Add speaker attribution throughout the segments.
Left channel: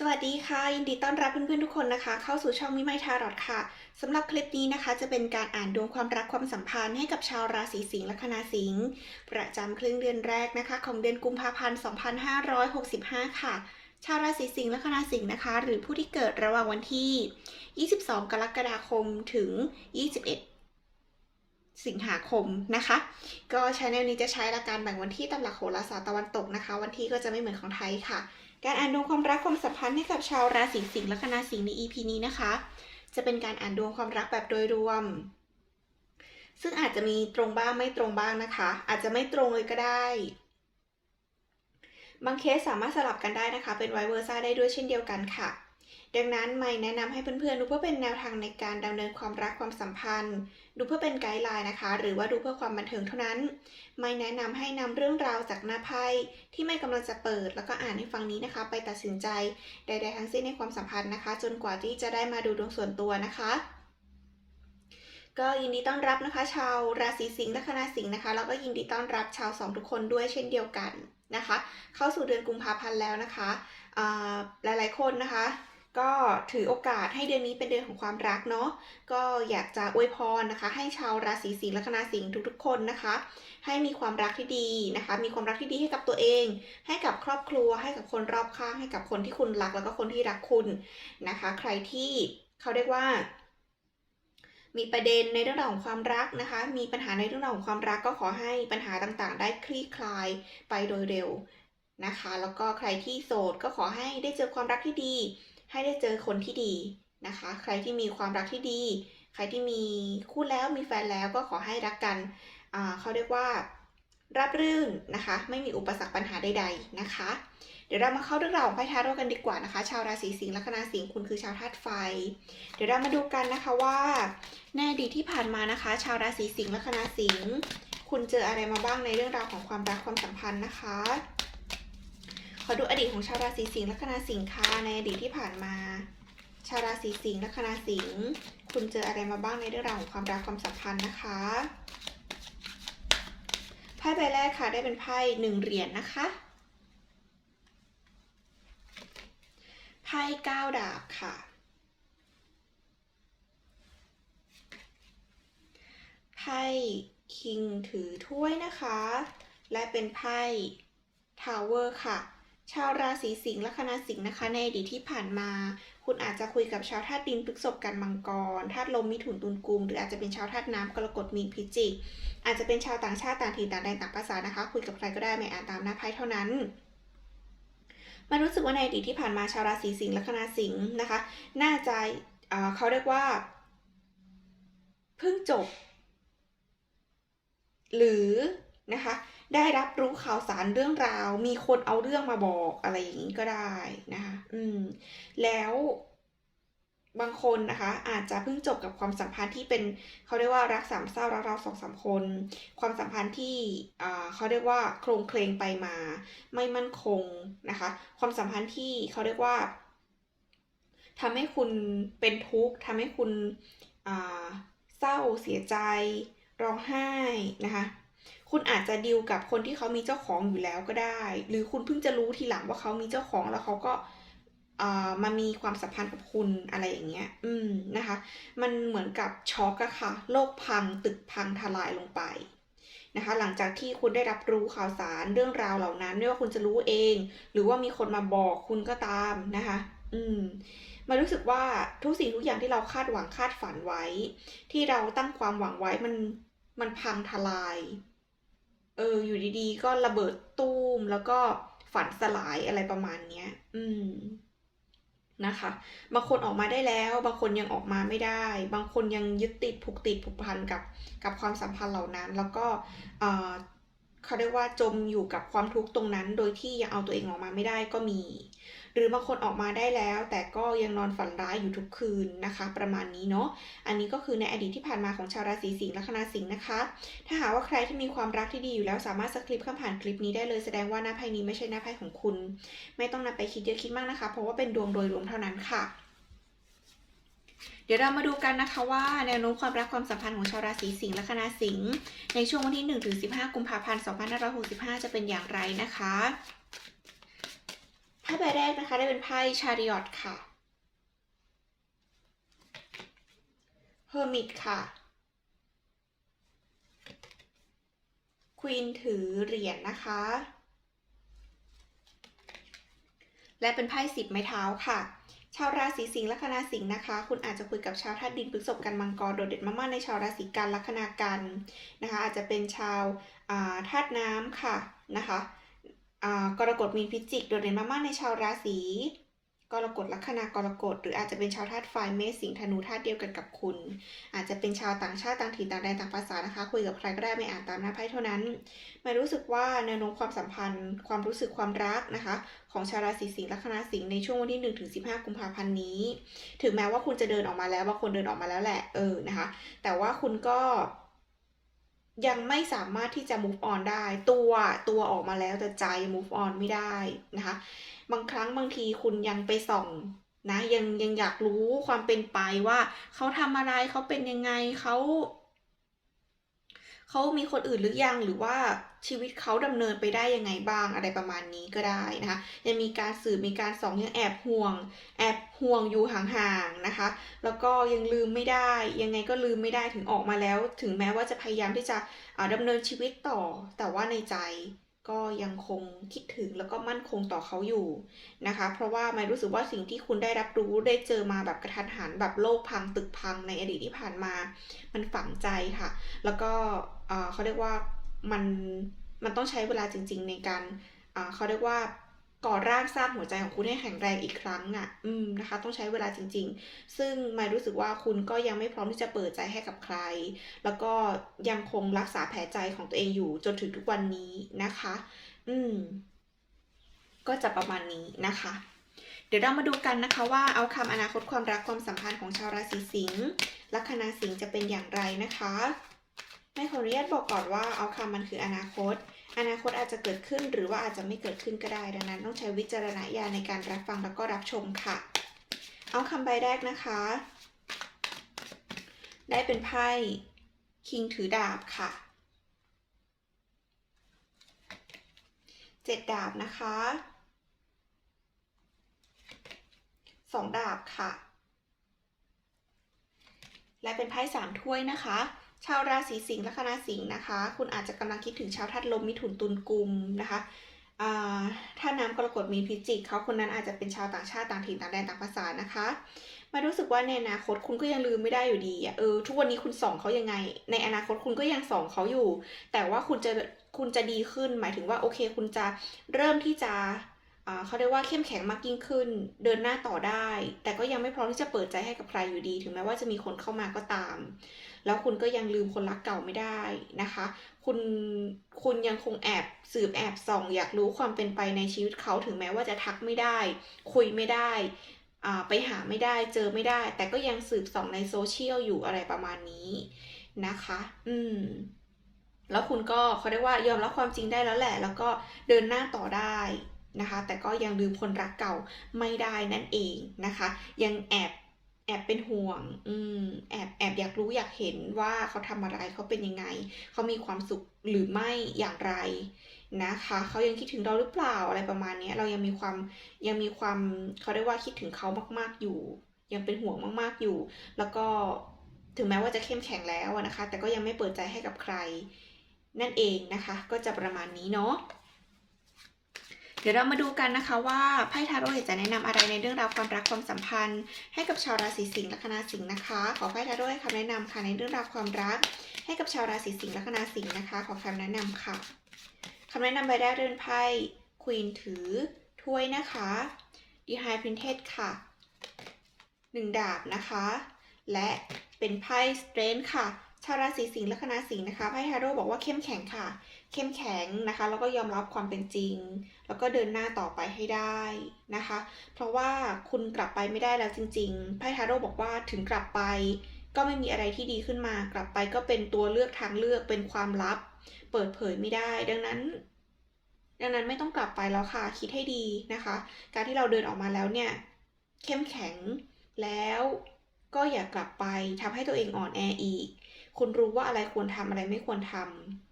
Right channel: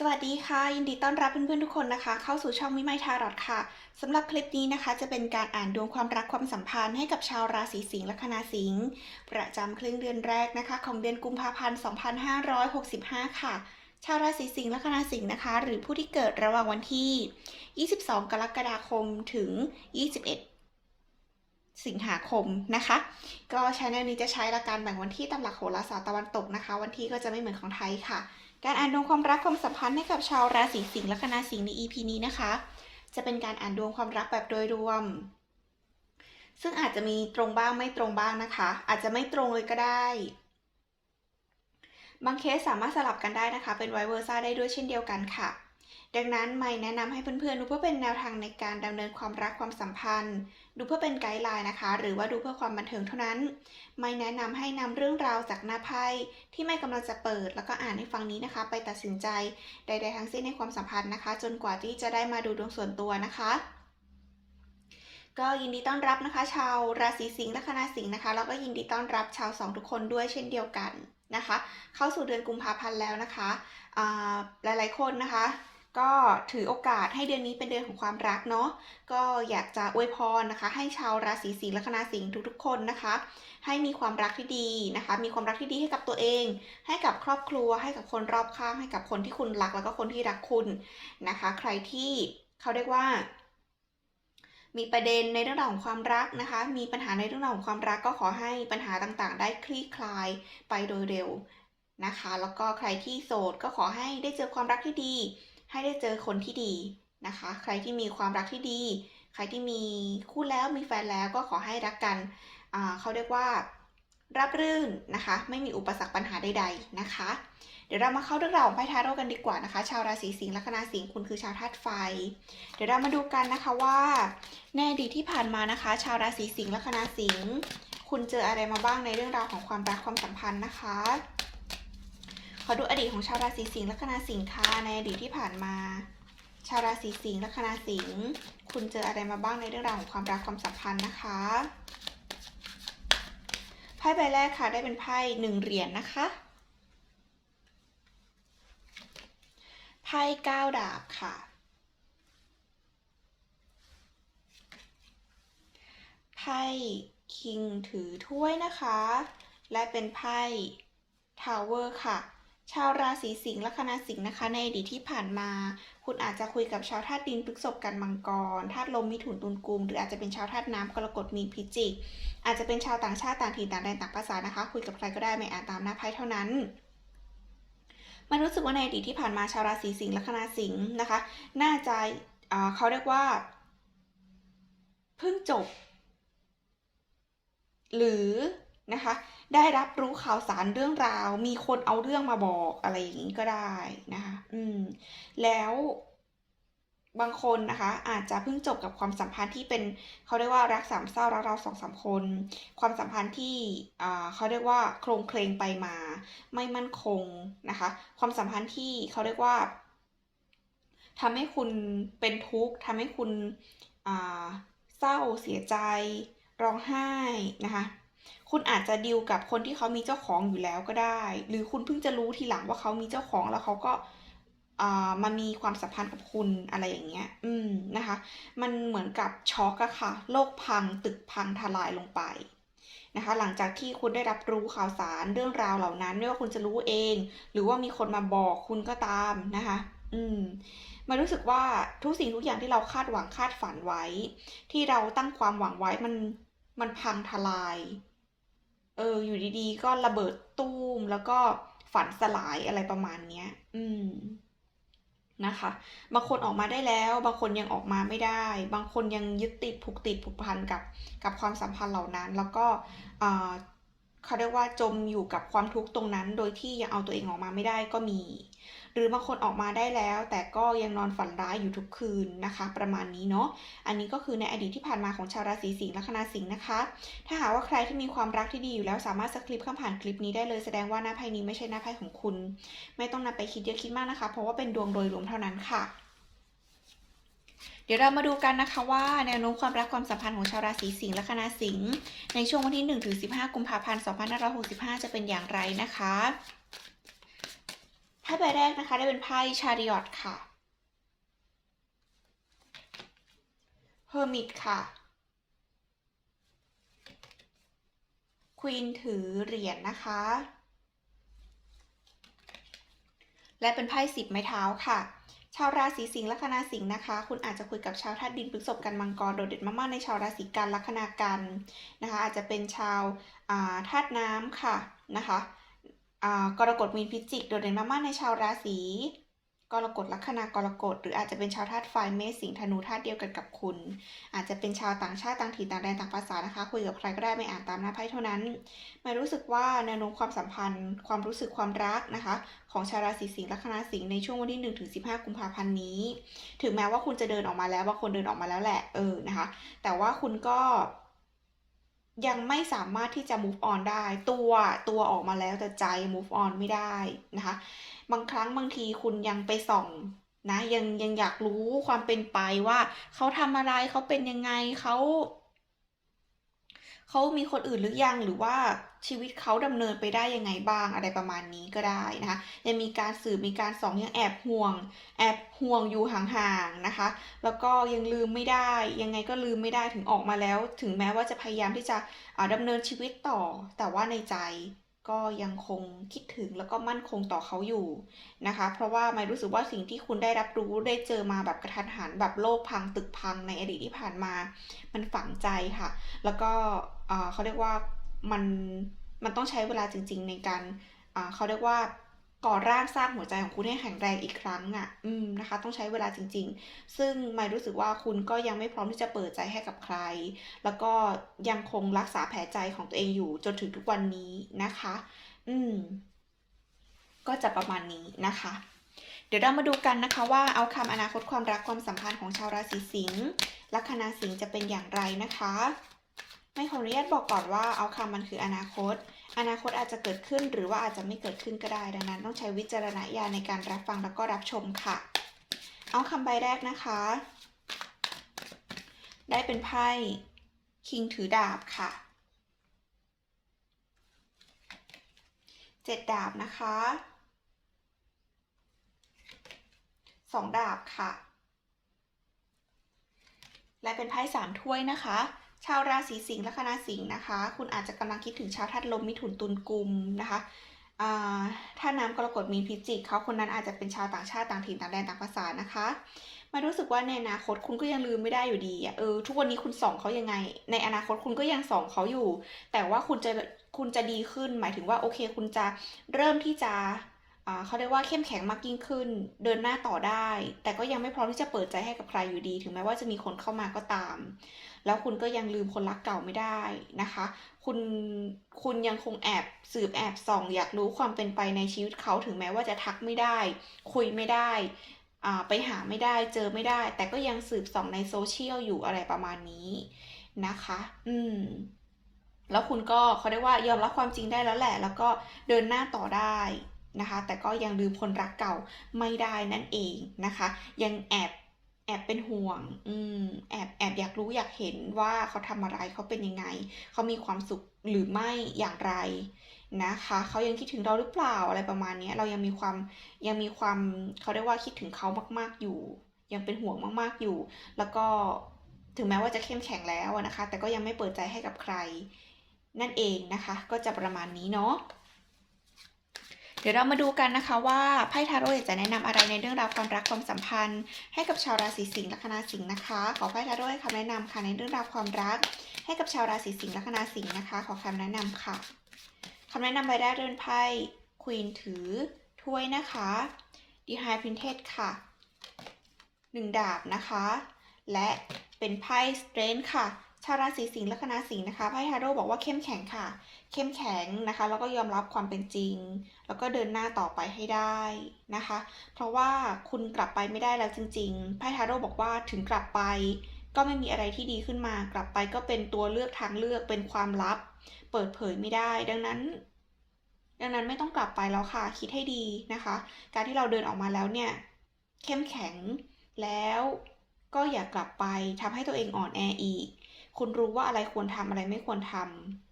Speaker 1: สวัสดีค่ะ ยินดีต้อนรับเพื่อนๆทุกคนนะคะ เข้าสู่ช่องวิไมทารอดค่ะสำหรับคลิปนี้นะคะ จะเป็นการอ่านดวงความรักความสัมพันธ์ให้กับชาวราศีสิงห์และคณาสิงห์ประจำครึ่งเดือนแรกนะคะ ของเดือนกุมภาพันธ์ 2565 ค่ะ ชาวราศีสิงห์และคณาสิงห์นะคะ หรือผู้ที่เกิดระหว่างวันที่ 22 กรกฎาคมถึง 21สิงหาคมนะคะ ก็ชแนลนี้จะใช้หลักการแบ่งวันที่ตามหลักโหราศาสตร์ตะวันตกนะคะ วันที่ก็จะไม่เหมือนของไทยค่ะ การอ่านดวงความรักความสัมพันธ์ให้กับชาวราศีสิงห์และคณาสิงห์ใน EP นี้นะคะ จะเป็นการอ่านดวงความรักแบบโดยรวม ซึ่งอาจจะมีตรงบ้างไม่ตรงบ้างนะคะ อาจจะไม่ตรงเลยก็ได้ บางเคสสามารถสลับกันได้นะคะ เป็นไวเวอร์ซ่าได้ด้วยเช่นเดียวกันค่ะ ดังนั้นไม่แนะนำให้เพื่อนๆดูเพื่อเป็นแนวทางในการดำเนินความรักความสัมพันธ์ ดูเพื่อเป็นไกด์ไลน์นะคะ หรือว่าดูเพื่อความบันเทิงเท่านั้น ไม่แนะนำให้นำเรื่องราวจากหน้าไพ่ที่ไม่กำลังจะเปิด แล้วก็อ่านให้ฟังนี้นะคะ ไปตัดสินใจใด ๆ ทั้งสิ้นในความสัมพันธ์นะคะ จนกว่าที่จะได้มาดูดวงส่วนตัวนะคะก็ยินดีต้อนรับนะคะ ชาวราศีสิงห์และคณาสิงห์นะคะแล้วก็ยินดีต้อนรับชาวสองทุกคนด้วยเช่นเดียวกันนะคะ เข้าสู่เดือนกุมภาพันธ์แล้วนะคะอ่าหลายๆคนนะคะ ก็ถือโอกาสให้เดือนนี้เป็นเดือนของความรักเนาะก็อยากจะอวยพรนะคะ ให้ชาวราศีสิงห์และคณาสิงห์ทุกๆ คนนะคะ ให้มีความรักที่ดีนะคะ มีความรักที่ดีให้กับตัวเอง ให้กับครอบครัว ให้กับคนรอบข้าง ให้กับคนที่คุณรักแล้วก็คนที่รักคุณนะคะ ใครที่เขาเรียกว่ามีประเด็นในเรื่องราวของความรักนะคะ มีปัญหาในเรื่องราวของความรักก็ขอให้ปัญหาต่างๆ ได้คลี่คลายไปโดยเร็วนะคะ แล้วก็ใครที่โสดก็ขอให้ได้เจอความรักที่ดี ให้ได้เจอคนที่ดีนะคะ ใครที่มีความรักที่ดี ใครที่มีคู่แล้วมีแฟนแล้วก็ขอให้รักกันเขาเรียกว่ารับรื่นนะคะ ไม่มีอุปสรรคปัญหาใดๆนะคะ เดี๋ยวเรามาเข้าเรื่องราวของไพ่ทาโร่กันดีกว่านะคะ ชาวราศีสิงห์ละคณาสิงห์คุณคือชาวธาตุไฟ เดี๋ยวเรามาดูกันนะคะว่าในอดีตที่ผ่านมานะคะ ชาวราศีสิงห์ละคณาสิงห์คุณเจออะไรมาบ้างในเรื่องราวของความรักความสัมพันธ์นะคะ ขอดูอดีตของชาวราศีสิงห์ละคณาสิงห์ค่ะในอดีตที่ผ่านมา ชาวราศีสิงห์ละคณาสิงห์คุณเจออะไรมาบ้างในเรื่องราวของความรักความสัมพันธ์นะคะไพ่ใบแรกค่ะได้เป็นไพ่หนึ่งเหรียญนะคะไพ่เก้าดาบค่ะไพ่คิงถือถ้วยนะคะ และเป็นไพ่ทาวเวอร์ค่ะ ชาวราศีสิงห์และคณะสิงห์นะคะ ในอดีตที่ผ่านมา คุณอาจจะคุยกับชาวธาตุดินพฤษภกันมังกรธาตุลมมิถุนตุลกุม หรืออาจจะเป็นชาวธาตุน้ำกรกฎมีนพิจิก อาจจะเป็นชาวต่างชาติต่างถิ่นต่างแดนต่างภาษานะคะ คุยกับใครก็ได้ไม่อ่านตามหน้าไพ่เท่านั้นมันรู้สึกว่าในอดีตที่ผ่านมาชาวราศีสิงห์และคณะสิงห์นะคะ น่าจะเอ่อเขาเรียกว่าเพิ่งจบ หรือ นะคะ ได้รับรู้ข่าวสารเรื่องราว มีคนเอาเรื่องมาบอกอะไรอย่างนี้ก็ได้นะคะอืมแล้วบางคนนะคะอาจจะเพิ่งจบกับความสัมพันธ์ที่เป็นเขาเรียกว่ารักสามเศร้ารักเราสองสามคน ความสัมพันธ์ที่อ่าเขาเรียกว่าโครงเคลงไปมา ไม่มั่นคงนะคะ ความสัมพันธ์ที่เขาเรียกว่าทำให้คุณเป็นทุกข์ทำให้คุณเศร้าเสียใจร้องไห้นะคะ คุณอาจจะดีลกับคนที่เขามีเจ้าของอยู่แล้วก็ได้ หรือคุณเพิ่งจะรู้ทีหลังว่าเขามีเจ้าของแล้วเขาก็มามีความสัมพันธ์กับคุณอะไรอย่างเงี้ย อืมนะคะ มันเหมือนกับช็อกอะค่ะ โลกพังตึกพังทลายลงไปนะคะ หลังจากที่คุณได้รับรู้ข่าวสารเรื่องราวเหล่านั้น ไม่ว่าคุณจะรู้เอง หรือว่ามีคนมาบอกคุณก็ตามนะคะ อืมมันรู้สึกว่าทุกสิ่งทุกอย่างที่เราคาดหวังคาดฝันไว้ ที่เราตั้งความหวังไว้มันมันพังทลาย เออ อยู่ดีๆ ก็ระเบิดตู้มแล้วก็ฝันสลายอะไรประมาณเนี้ย อืมนะคะ บางคนออกมาได้แล้ว บางคนยังออกมาไม่ได้ บางคนยังยึดติดผูกติดผูกพันกับกับความสัมพันธ์เหล่านั้น แล้วก็เอ่อเขาเรียกว่าจมอยู่กับความทุกข์ตรงนั้น โดยที่ยังเอาตัวเองออกมาไม่ได้ก็มี รือบางคนออกมาได้แล้ว แต่ก็ยังนอนฝันร้ายอยู่ทุกคืนนะคะ ประมาณนี้เนาะอันนี้ก็คือในอดีตที่ผ่านมาของชาวราศีสิงห์ละคณะสิงห์นะคะ ถ้าหากว่าใครที่มีความรักที่ดีอยู่แล้วสามารถสคริปข้ามผ่านคลิปนี้ได้เลยแสดงว่าหน้าไพ่นี้ไม่ใช่หน้าไพ่ของคุณ ไม่ต้องนำไปคิดเยอะคิดมากนะคะ เพราะว่าเป็นดวงโดยรวมเท่านั้นค่ะเดี๋ยวเรามาดูกันนะคะว่าแนวโน้มความรักความสัมพันธ์ของชาวราศีสิงห์และคณะสิงห์ในช่วงวันที่1ถึง15 กุมภาพันธ์ 2565 จะเป็นอย่างไรนะคะ ไไพ่ใบแรกนะคะได้เป็นไพ่ชาริออตค่ะเฮอร์มิตค่ะควีนถือเหรียญนะคะ และเป็นไพ่สิบไม้เท้าค่ะ ชาวราศีสิงห์ลัคนาสิงห์นะคะ คุณอาจจะคุยกับชาวธาตุดินพฤษภกันมังกรโดดเด่นมากๆในชาวราศีกันลัคนากันนะคะ อาจจะเป็นชาวธาตุน้ำค่ะนะคะ กรกฎมีนพิจิกโดดเด่นมากๆในชาวราศีกรกฎลัคนากรกฎหรืออาจจะเป็นชาวธาตุไฟเมษสิงห์ธนูธาตุเดียวกันกับคุณ อาจจะเป็นชาวต่างชาติต่างถิ่นต่างแดนต่างภาษานะคะ คุยกับใครก็ได้ไม่อ่านตามหน้าไพ่เท่านั้นมารู้สึกว่าแนวโน้มความสัมพันธ์ ความรู้สึกความรักนะคะ ของชาวราศีสิงห์ลัคนาสิงห์ในช่วงวันที่1ถึง15กุมภาพันธ์นี้ ถึงแม้ว่าคุณจะเดินออกมาแล้วบางคนเดินออกมาแล้วแหละเออนะคะ แต่ว่าคุณก็ ยังไม่สามารถที่จะ move on ได้ ตัวตัวออกมาแล้วแต่ใจ move on ไม่ได้นะคะ บางครั้งบางทีคุณยังไปส่องนะยังยังอยากรู้ความเป็นไปว่าเขาทำอะไรเขาเป็นยังไงเขา เขามีคนอื่นหรือยังหรือว่าชีวิตเขาดำเนินไปได้ยังไงบ้างอะไรประมาณนี้ก็ได้นะคะยังมีการสืบมีการส่องยังแอบห่วง แอบห่วงอยู่ห่างๆนะคะ แล้วก็ยังลืมไม่ได้ ยังไงก็ลืมไม่ได้ถึงออกมาแล้ว ถึงแม้ว่าจะพยายามที่จะดำดำเนินชีวิตต่อแต่ว่าในใจ ก็ยังคงคิดถึงแล้วก็มั่นคงต่อเขาอยู่นะคะ เพราะว่าไม่รู้สึกว่าสิ่งที่คุณได้รับรู้ได้เจอมาแบบกระทันหันแบบโลกพังตึกพังในอดีตที่ผ่านมา มันฝังใจค่ะ แล้วก็เขาเรียกว่ามันมันต้องใช้เวลาจริง ๆ ในการเขาเรียกว่า ก่อร่างสร้างหัวใจของคุณให้แข็งแรงอีกครั้งอะ อืมนะคะ ต้องใช้เวลาจริง ๆ ซึ่งไม่รู้สึกว่าคุณก็ยังไม่พร้อมที่จะเปิดใจให้กับใคร แล้วก็ยังคงรักษาแผลใจของตัวเองอยู่จนถึงทุกวันนี้นะคะ อืม ก็จะประมาณนี้นะคะ เดี๋ยวเรามาดูกันนะคะว่าเอาคำอนาคตความรักความสัมพันธ์ของชาวราศีสิงห์ลัคนาสิงห์จะเป็นอย่างไรนะคะ ไม่ขออนุญาตบอกก่อนว่าเอาคำมันคืออนาคต อนาคตอาจจะเกิดขึ้นหรือว่าอาจจะไม่เกิดขึ้นก็ได้ ดังนั้น ต้องใช้วิจารณญาณในการรับฟังแล้วก็รับชมค่ะ เอาคำใบแรกนะคะ ได้เป็นไพ่คิงถือดาบค่ะเจ็ดดาบนะคะสองดาบค่ะ และเป็นไพ่สามถ้วยนะคะ ชาวราศีสิงห์ลัคนาสิงห์นะคะ คุณอาจจะกำลังคิดถึงชาวธาตุลมมิถุนตุลกุมนะคะอ่าถ้าน้ำกรกฎมีพิจิกเขาคนนั้นอาจจะเป็นชาวต่างชาติต่างถิ่นต่างแดนต่างภาษานะคะมารู้สึกว่าในอนาคตคุณก็ยังลืมไม่ได้อยู่ดีอะเออทุกวันนี้คุณส่องเขายังไง ในอนาคตคุณก็ยังส่องเขาอยู่ แต่ว่าคุณจะคุณจะดีขึ้น หมายถึงว่าโอเค คุณจะเริ่มที่จะเขาเรียกว่าเข้มแข็งมากยิ่งขึ้น เดินหน้าต่อได้ แต่ก็ยังไม่พร้อมที่จะเปิดใจให้กับใครอยู่ดี ถึงแม้ว่าจะมีคนเข้ามาก็ตาม แล้วคุณก็ยังลืมคนรักเก่าไม่ได้นะคะ คุณคุณยังคงแอบสืบแอบส่อง อยากรู้ความเป็นไปในชีวิตเขาถึงแม้ว่าจะทักไม่ได้ คุยไม่ได้อ่าไปหาไม่ได้เจอไม่ได้ แต่ก็ยังสืบส่องในโซเชียลอยู่อะไรประมาณนี้นะคะ อืม แล้วคุณก็เขาเรียกว่ายอมรับความจริงได้แล้วแหละ แล้วก็เดินหน้าต่อได้นะคะ แต่ก็ยังลืมคนรักเก่าไม่ได้นั่นเองนะคะ ยังแอบ แอบเป็นห่วง อืม แอบแอบอยากรู้อยากเห็นว่าเขาทำอะไรเขาเป็นยังไง เขามีความสุขหรือไม่อย่างไรนะคะ เขายังคิดถึงเราหรือเปล่าอะไรประมาณนี้เรายังมีความยังมีความเขาเรียกว่าคิดถึงเขามากๆอยู่ ยังเป็นห่วงมากๆอยู่ แล้วก็ถึงแม้ว่าจะเข้มแข็งแล้วนะคะ แต่ก็ยังไม่เปิดใจให้กับใคร นั่นเองนะคะ ก็จะประมาณนี้เนาะ เดี๋ยวเรามาดูกันนะคะว่าไพ่ทาโร่จะแนะนำอะไรในเรื่องราวความรักความสัมพันธ์ ให้กับชาวราศีสิงห์ลัคนาสิงห์นะคะ ขอไพ่ทาโร่ให้คำแนะนำค่ะในเรื่องราวความรัก ให้กับชาวราศีสิงห์ลัคนาสิงห์นะคะ ขอคำแนะนำค่ะคำแนะนำใบแรกเรือนไพ่ควีนถือถ้วยนะคะดีไฮพินเทสค่ะหนึ่งดาบนะคะ และเป็นไพ่สเตรนค่ะ ชาวราศีสิงห์ลัคนาสิงห์นะคะไพ่ทาโร่บอกว่าเข้มแข็งค่ะ เข้มแข็งนะคะ แล้วก็ยอมรับความเป็นจริง แล้วก็เดินหน้าต่อไปให้ได้นะคะ เพราะว่าคุณกลับไปไม่ได้แล้วจริงๆไพ่ทาโร่บอกว่าถึงกลับไป ก็ไม่มีอะไรที่ดีขึ้นมา กลับไปก็เป็นตัวเลือกทางเลือกเป็นความลับ เปิดเผยไม่ได้ ดังนั้น ดังนั้นไม่ต้องกลับไปแล้วค่ะ คิดให้ดีนะคะ การที่เราเดินออกมาแล้วเนี่ย เข้มแข็งแล้วก็อย่ากลับไปทำให้ตัวเองอ่อนแออีก คุณรู้ว่าอะไรควรทำอะไรไม่ควรทำ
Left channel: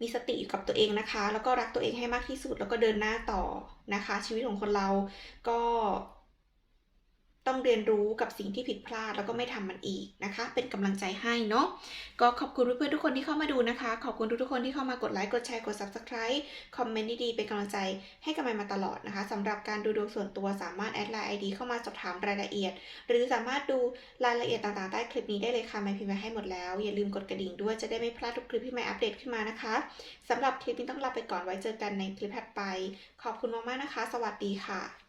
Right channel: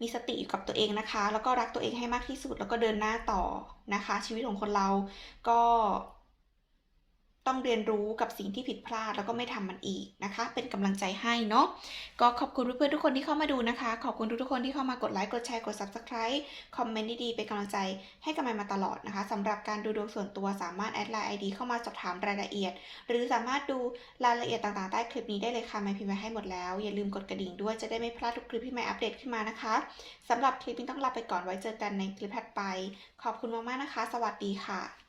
Speaker 1: มีสติอยู่กับตัวเองนะคะ แล้วก็รักตัวเองให้มากที่สุด แล้วก็เดินหน้าต่อนะคะ ชีวิตของคนเราก็ ต้องเรียนรู้กับสิ่งที่ผิดพลาดแล้วก็ไม่ทำมันอีกนะคะ เป็นกำลังใจให้เนาะก็ขอบคุณเพื่อนๆทุกคนที่เข้ามาดูนะคะ ขอบคุณทุกๆคนที่เข้ามากดไลค์กดแชร์กด Subscribe คอมเมนต์ดีๆเป็นกำลังใจให้กันมาตลอดนะคะสำหรับการดูดวงส่วนตัวสามารถแอดไลน์ ID เข้ามาสอบถามรายละเอียด หรือสามารถดูรายละเอียดต่างๆใต้คลิปนี้ได้เลยค่ะไม่พิมพ์ไว้ให้หมดแล้วอย่าลืมกดกระดิ่งด้วยจะได้ไม่พลาดทุกคลิปที่ไม่อัปเดตขึ้นมานะคะสำหรับคลิปนี้ต้องลาไปก่อนไว้เจอกันในคลิปถัดไป ขอบคุณมากๆนะคะ สวัสดีค่ะ